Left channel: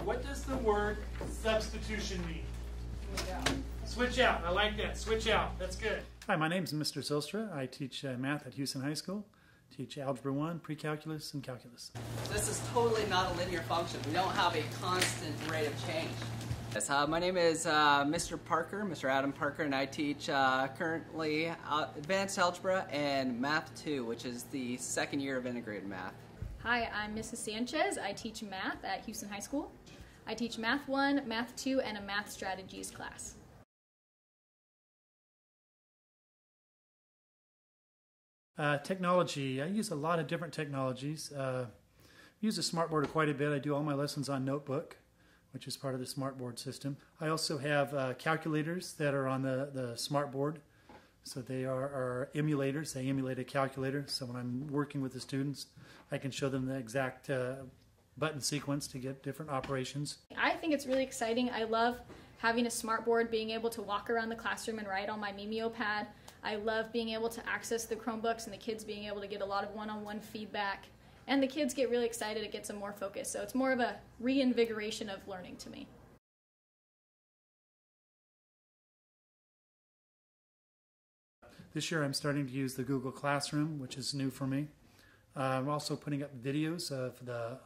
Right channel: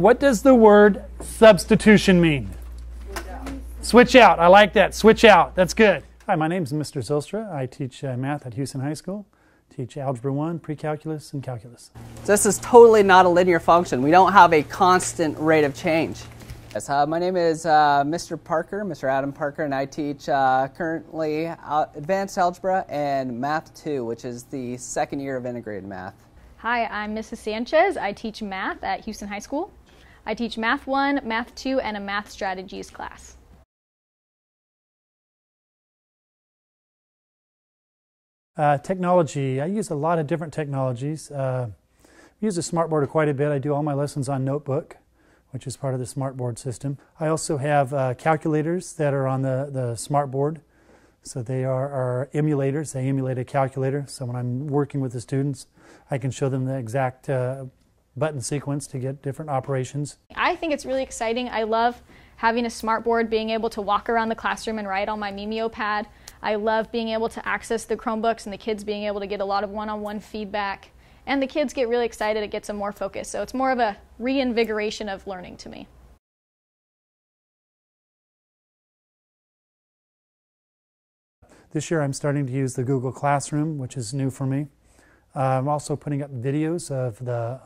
What does the word substitution mean? Switch out. I like that. Switch out. That's good. Hi, my name is Mr. Zylstra. I teach math at Hughson High School. Teach Algebra 1, Pre-Calculus, and Calculus. This is totally not a linear function. We don't have a constant rate of change. Yes, my name is Mr. Parker, Mr. Adam Parker, and I teach currently Advanced Algebra and Math 2, which is the second year of integrated math. Hi, I'm Mrs. Sanchez. I teach math at Hughson High School. I teach Math 1, Math 2, and a Math Strategies class. Technology. I use a lot of different technologies. I use the smartboard quite a bit. I do all my lessons on Notebook, which is part of the smartboard system. I also have calculators that are on the smartboard. So they are emulators. They emulate a calculator. So when I'm working with the students, I can show them the exact button sequence to get different operations. I think it's really exciting. I love having a smartboard, being able to walk around the classroom and write on my Mimeo pad. I love being able to access the Chromebooks and the kids being able to get a lot of one-on-one feedback. And the kids get really excited. It gets them more focused. So it's more of a reinvigoration of learning to me. This year I'm starting to use the Google Classroom, which is new for me. I'm also putting up videos of the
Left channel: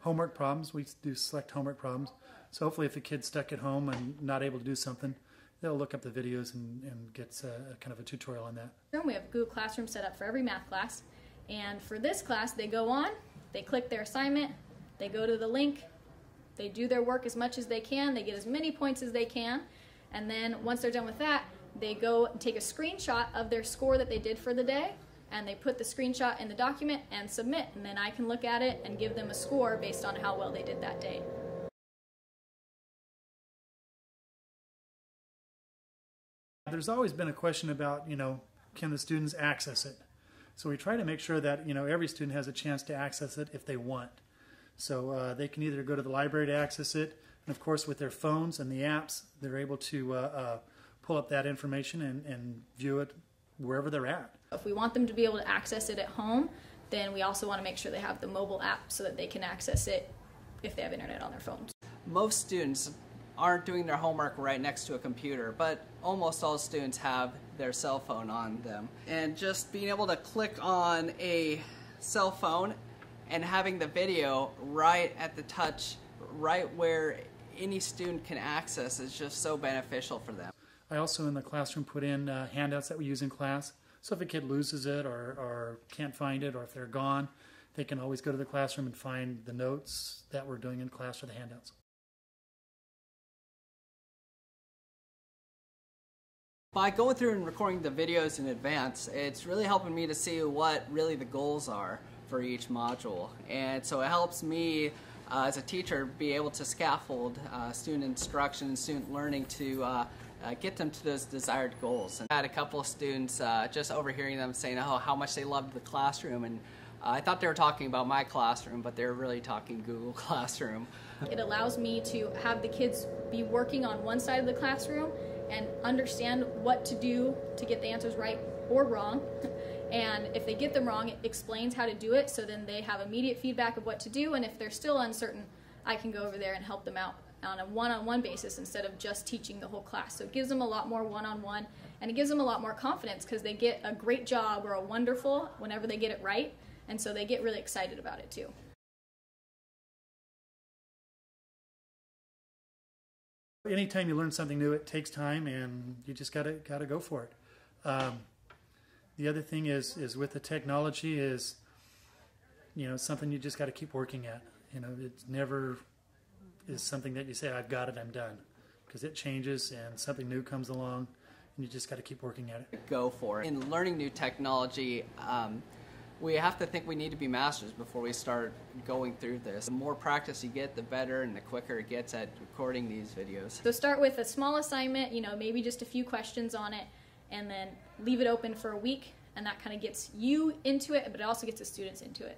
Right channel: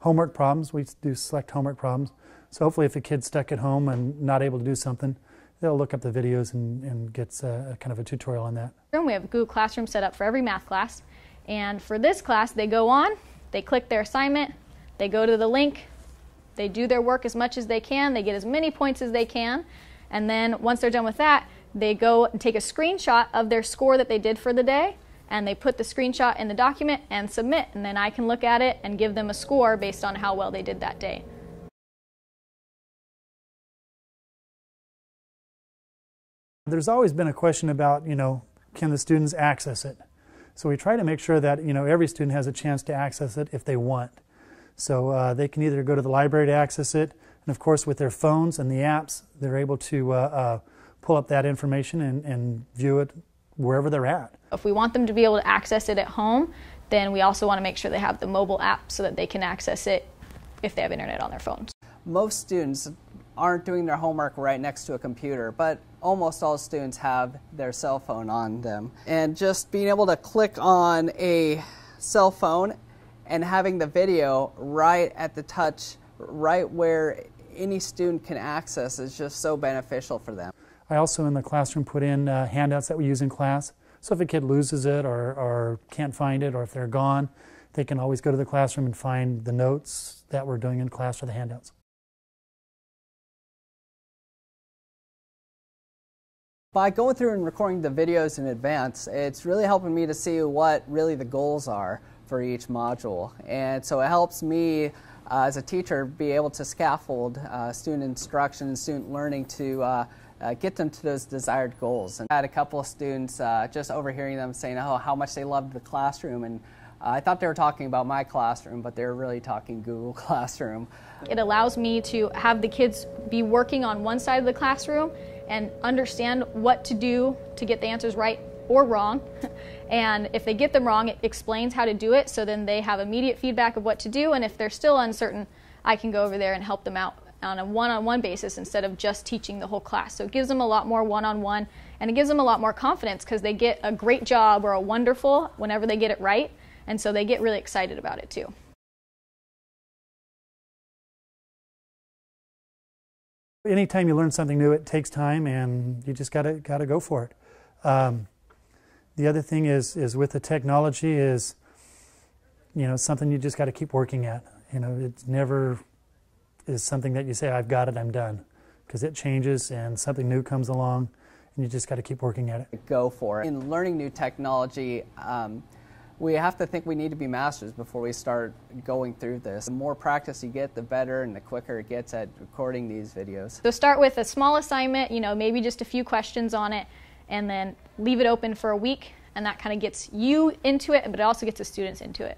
homework problems. We do select homework problems. So hopefully if a kid's stuck at home and not able to do something, they'll look up the videos and get a kind of a tutorial on that. We have a Google Classroom set up for every math class. And for this class, they go on, they click their assignment, they go to the link, they do their work as much as they can, they get as many points as they can, and then once they're done with that, they go and take a screenshot of their score that they did for the day, and they put the screenshot in the document and submit, and then I can look at it and give them a score based on how well they did that day. There's always been a question about, can the students access it? So we try to make sure that, every student has a chance to access it if they want. So they can either go to the library to access it, and of course with their phones and the apps, they're able to pull up that information and view it wherever they're at. If we want them to be able to access it at home, then we also want to make sure they have the mobile app so that they can access it if they have internet on their phones. Most students aren't doing their homework right next to a computer, but almost all students have their cell phone on them. And just being able to click on a cell phone and having the video right at the touch, right where any student can access is just so beneficial for them. I also in the classroom put in handouts that we use in class. So if a kid loses it or can't find it, or if they're gone, they can always go to the classroom and find the notes that we're doing in class or the handouts. By going through and recording the videos in advance, it's really helping me to see what really the goals are for each module. And so it helps me as a teacher be able to scaffold student instruction and student learning to get them to those desired goals. And I had a couple of students just overhearing them saying, oh, how much they loved the classroom. And I thought they were talking about my classroom, but they were really talking Google Classroom. It allows me to have the kids be working on one side of the classroom and understand what to do to get the answers right or wrong. And if they get them wrong, it explains how to do it, so then they have immediate feedback of what to do, and if they're still uncertain, I can go over there and help them out on a one-on-one basis instead of just teaching the whole class. So it gives them a lot more one-on-one, and it gives them a lot more confidence because they get a great job or a wonderful whenever they get it right, and so they get really excited about it too. Anytime you learn something new, it takes time, and you just gotta go for it. The other thing is with the technology is, something you just got to keep working at. It never is something that you say, I've got it, I'm done, because it changes and something new comes along, and you just got to keep working at it. Go for it. In learning new technology, we have to think we need to be masters before we start going through this. The more practice you get, the better and the quicker it gets at recording these videos. So start with a small assignment, maybe just a few questions on it, and then leave it open for a week, and that kind of gets you into it, but it also gets the students into it.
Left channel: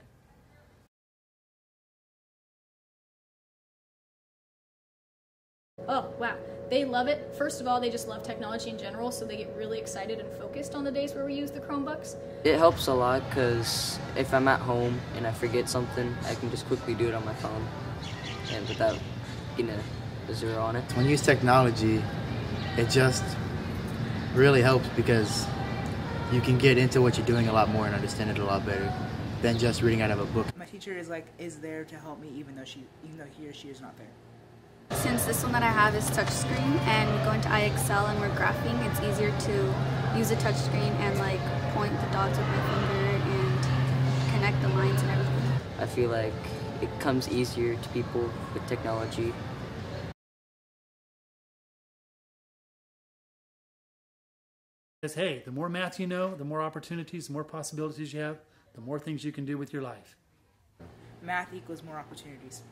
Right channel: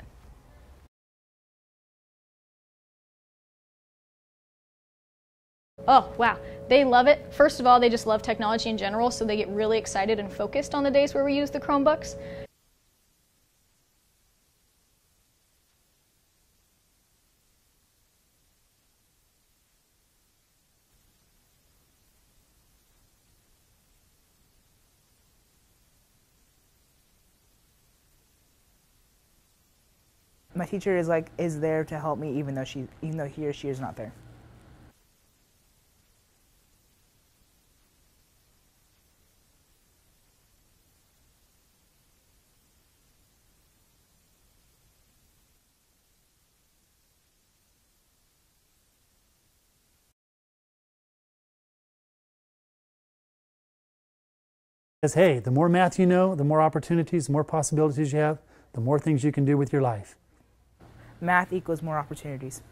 Oh, wow. They love it. First of all, they just love technology in general, so they get really excited and focused on the days where we use the Chromebooks. It helps a lot because if I'm at home and I forget something, I can just quickly do it on my phone and without getting a 0 on it. When you use technology, it just really helps because you can get into what you're doing a lot more and understand it a lot better than just reading out of a book. My teacher is there to help me even though he or she is not there. Since this one that I have is touchscreen and we go into iExcel and we're graphing, it's easier to use a touchscreen and like point the dots with my finger and connect the lines and everything. I feel like it comes easier to people with technology. Says, hey, the more math you know, the more opportunities, the more possibilities you have, the more things you can do with your life. Math equals more opportunities.